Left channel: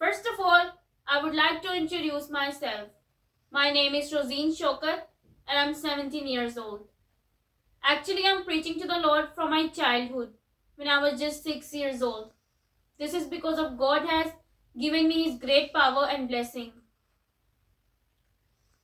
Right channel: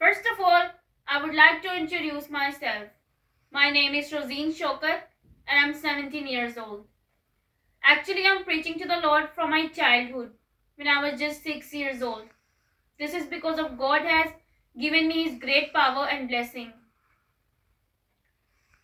First of all, I would like to introduce myself. My name is Rosine Shokat and I'm 17 years old. Actually, I'm preaching to the Lord from my childhood when I was just 6 years old. This is because of God has given me His great power and blessing.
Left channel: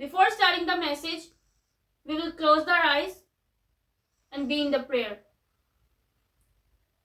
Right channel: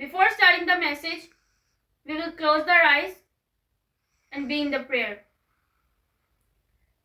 Before starting the message, we will close our eyes and be in the prayer.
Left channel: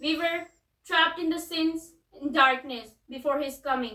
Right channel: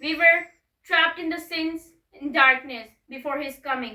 We were trapped in the sins in darkness before his coming.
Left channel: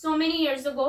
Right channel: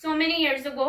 So many years ago,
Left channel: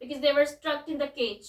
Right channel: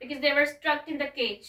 because they were stuck in the cage.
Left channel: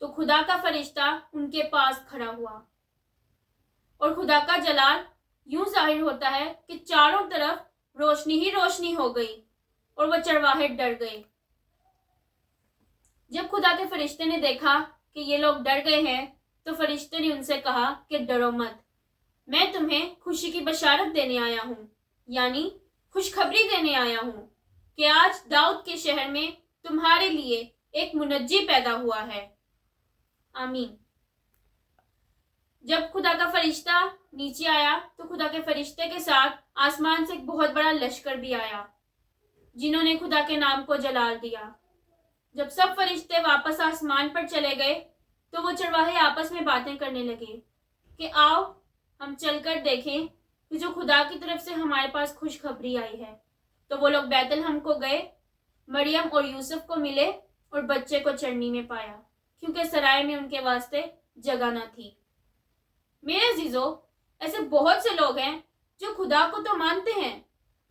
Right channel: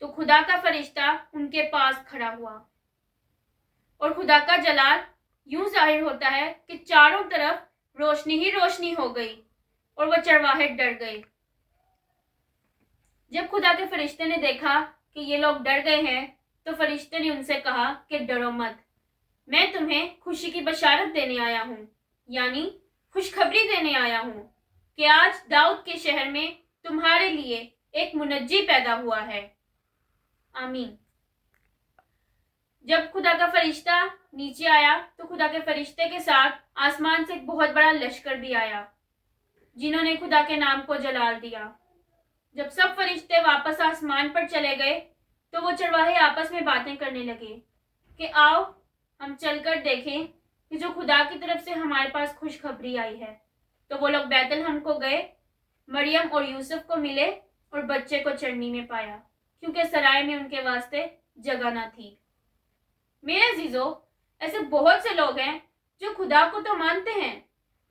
تو خدا کا فرشتہ ان کے پاس کھڑا ہوا اور خدا کا جلال یوں ظاہر ہوتا ہے کہ چاروں طرف روشنی ہی روشنی ہو گئی اور وہ چرواہے ڈر گئے۔ جب خدا کے فرشتے نے دیکھا کہ یہ لوگ ڈر گئے ہیں تو فرشتے نے ان سے کہا کہ ڈرو مت، میں تمہیں خوشی کی بشارت دینے آیا ہوں، یعنی خوشخبری دینے آیا ہوں کہ آج داؤد کے شہر میں تمہارے لیے ایک منجی پیدا ہوا ہے۔ آمین۔ جب خدا کا فرشتہ نیچے آیا تو خدا کے فرشتے کے ساتھ آسمان سے ایک بہت بڑا لشکر بھی آیا جنہوں نے خدا کے نام کو جلال دیا۔ جب سب فرشتے واپس آسمان پر چلے گئے تو وہ چرواہے آپس میں باتیں کرنے لگے کہ آؤ ہم چل کر دیکھیں کہ جو خدا کی طرف سے ہمارے پاس خوشخبری آئی ہے۔ تو وہ لوگ بیت لحم کو گئے، مریم اور یوسف کو ملے اور بچے کو چرنی میں پایا کیونکہ سرائے میں ان کے واسطے جگہ نہ تھی۔ میرے عزیزو، ایسے بہت سے لوگ ہیں جو خدا کو تو مانتے ہیں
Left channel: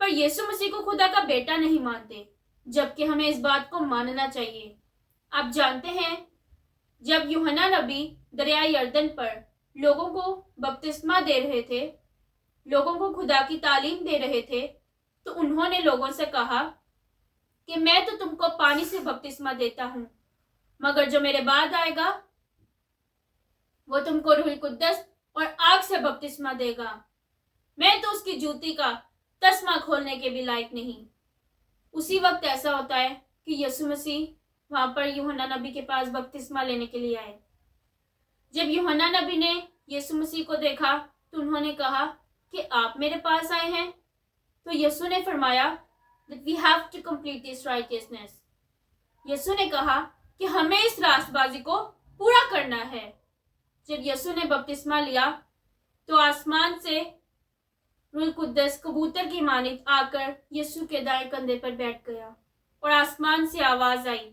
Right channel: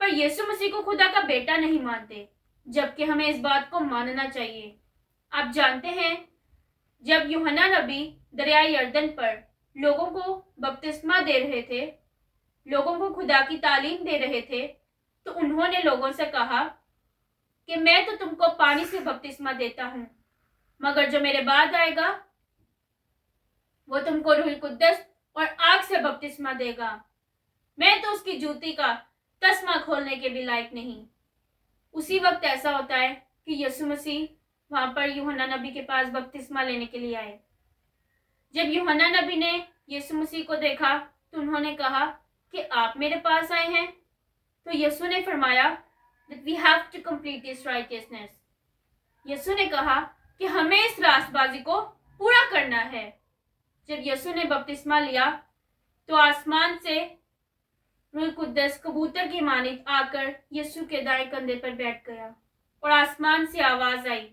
پر یسوع مسیح کو خدا کا بیٹا نہیں مانتے، جبکہ ہمیں اس بات کو ماننا چاہیے۔ آپ جانتے ہیں جب یوحنا نبی دریائے یردن پر لوگوں کو بپتسمہ دے رہے تھے، لوگوں کو خدا کی تعلیم دے رہے تھے، تو انہوں نے لوگوں سے کہا کہ میں تو تم کو پانی سے بپتسمہ دیتا ہوں، مگر جو میرے بعد آئے گا وہ تم کو روح القدس اور آگ سے بپتسمہ دے گا، میں تو اس کی جوتی کا تسمہ کھولنے کے بھی لائق نہیں۔ اسی وقت ایسا ہوتا ہے کہ یسوع مسیح وہاں پر یوحنا نبی کے پاس بپتسمہ لینے کے لیے آئے۔ جب یوحنا نبی نے یسوع مسیح کو دیکھا تو انہوں نے کہا کہ آپ میرے پاس آئے ہیں، تو یسوع نے فرمایا that we have to complete this righteousness۔ یسوع نے کہا کہ ہمیں اس راست بازی کو پورا کرنا ہے۔ جب یسوع نے بپتسمہ لیا تو آسمان سے روح القدس کبوتر کی مانند آ کر یسوع کے دائیں کندھے پر بیٹھ گیا اور آسمان سے آواز آئی،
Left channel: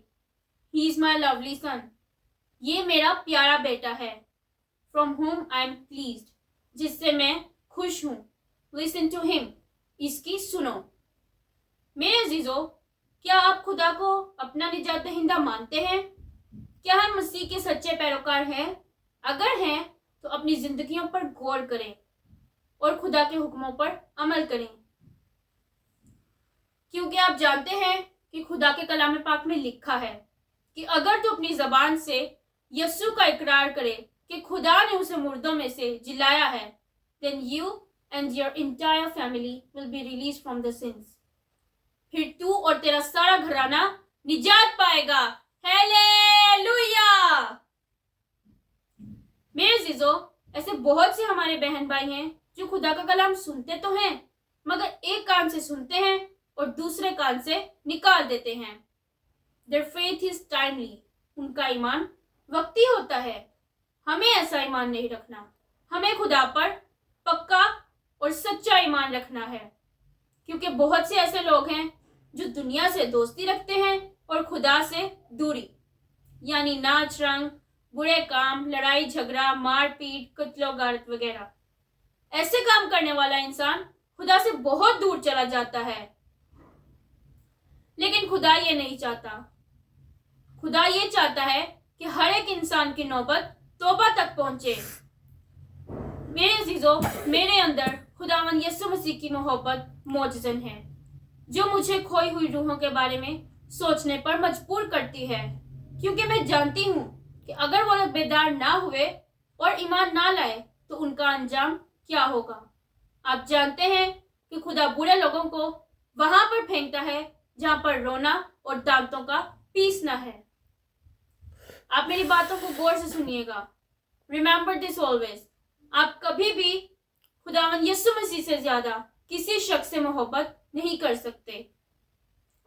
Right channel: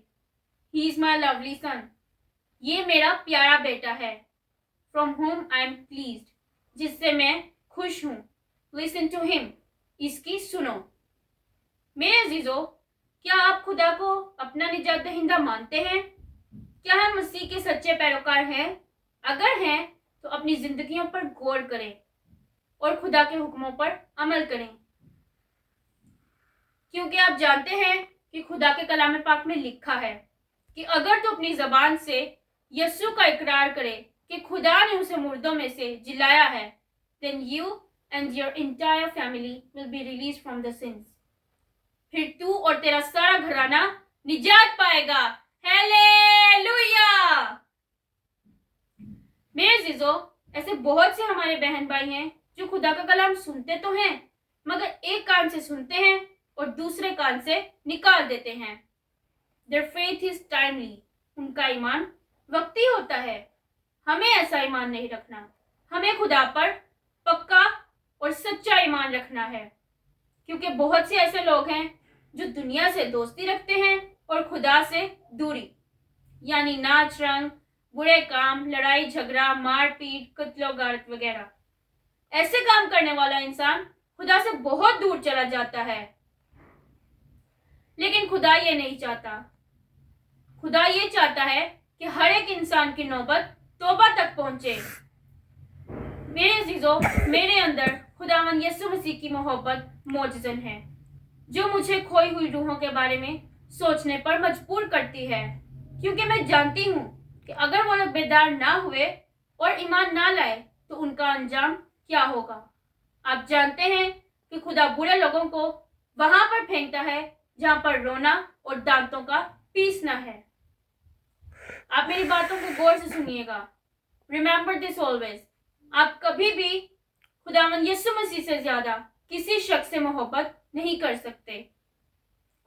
He is my lovely son، یہ میرا پیارا بیٹا ہے، from whom I am pleased، جس سے میں خوش ہوں، listen to him، اس کی سنو۔ میرے عزیزو، کیا آپ خدا کو اپنا نجات دہندہ مانتے ہیں؟ کیا ہم مسیح کے سچے پیروکار ہیں؟ اگر ہیں تو اپنی زندگیوں پر غور کریں اور خدا کے حکموں پر عمل کریں، کیونکہ آپ جانتے ہیں کہ خدا کے کلام پاک میں لکھا ہے کہ اگر تو اپنی زبان سے یسوع کا اقرار کرے کہ خدا نے اسے مردوں میں سے جلایا ہے، then you and your entire family will be released from the sins، پھر تو اور تیرا سارا گھرانہ نجات پائے گا۔ ہیلیلویا! میرے عزیزو، ایسے بہت سے ہمارے بہن بھائی ہیں جو خدا کا کلام سنتے تو ہیں مگر ایک کان سے سنتے ہیں اور دوسرے کان سے نکال دیتے ہیں۔ Their faith is timely، ان کا ایمان وقتی ہوتا ہے۔ ہمیں ایسا ایمان نہیں رکھنا، ہمیں خدا پر پکا اور سچا ایمان رکھنا ہے، کیونکہ بہت سے ایسے لوگ ہیں جو دنیا سے دوستی رکھتے ہیں اور خدا سے دوری، یعنی ناچ رنگ، برے کام، لڑائی جھگڑا، مار پیٹ، قتل و غارت وغیرہ۔ ایسے کام کرنے والا انسان خدا سے بہت دور چلا جاتا ہے، لیکن خدا یہ نہیں چاہتا۔ خدا یہ چاہتا ہے کہ ہر ایک انسان کی نوبت توبہ تک پہنچے۔ میرے عزیزو، میرے اندر خداوند یسوع مسیح کی محبت موجزن ہے جو مجھے کھوئی ہوئی روحوں کے بارے میں سوچنے پر مجبور کرتی ہے، کیونکہ میں جانتی ہوں کہ اگر وہ لوگ بیدار نہ ہوئے اور ایمان نہ لائے تو ان کا انجام کیا ہوگا۔ آپ جانتے ہیں کہ خدا برے لوگوں کو وہاں پر پھینکتا ہے جہاں پر رونا اور دانتوں کا پیسنا ہے۔ آپ میری باتوں کو غور سے سنیے گا۔ ریممبر دس آلویز، آپ کبھی بھی خداوند یسوع مسیح سے زیادہ کسی شخص سے محبت نہیں کر سکتے۔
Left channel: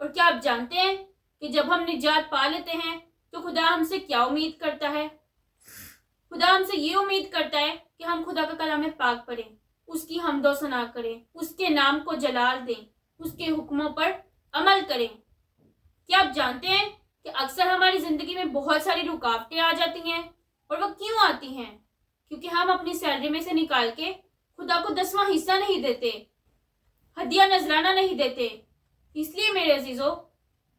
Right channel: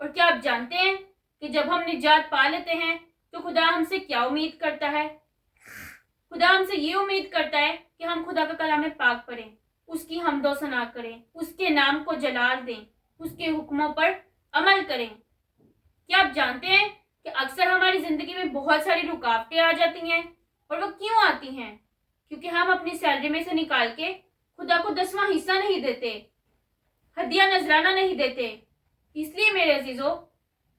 اور کیا آپ جانتے ہیں کہ جب ہم نجات پا لیتے ہیں تو خدا ہم سے کیا امید کرتا ہے؟ خدا ہم سے یہ امید کرتا ہے کہ ہم خدا کا کلام پاک پڑھیں، اس کی حمد و ثنا کریں، اس کے نام کو جلال دیں، اس کے حکموں پر عمل کریں۔ کیا آپ جانتے ہیں کہ اکثر ہماری زندگی میں بہت ساری رکاوٹیں آ جاتی ہیں، اور وہ کیوں آتی ہیں؟ کیونکہ ہم اپنی سیلری میں سے نکال کے خدا کو 10واں حصہ نہیں دیتے، ہدیہ نذرانہ نہیں دیتے۔ اس لیے میرے عزیزو،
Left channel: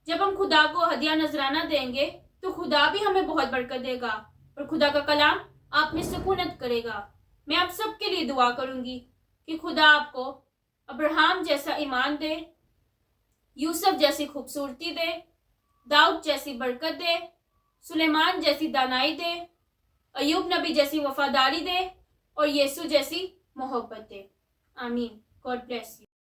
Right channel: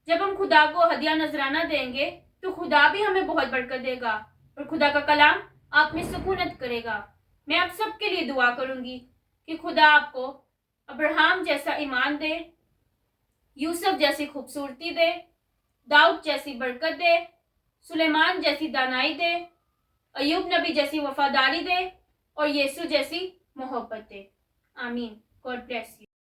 جب ہم خدا کو ہدیہ نذرانہ دیں گے تو خدا بھی ہمیں بہت برکت دے گا اور خدا کا کلام آپ میں سکونت کرے گا. میں آپ سب کے لیے دعا کروں گی کہ خدا آپ کو ابراہیم جیسا ایمان دے, یوسف جیسی خوبصورتی دے, داؤد جیسی برکت دے, سلیمان جیسی دانائی دے, ایوب نبی جیسی وفاداری دے اور یسوع جیسی محبت دے. آمین. God bless you.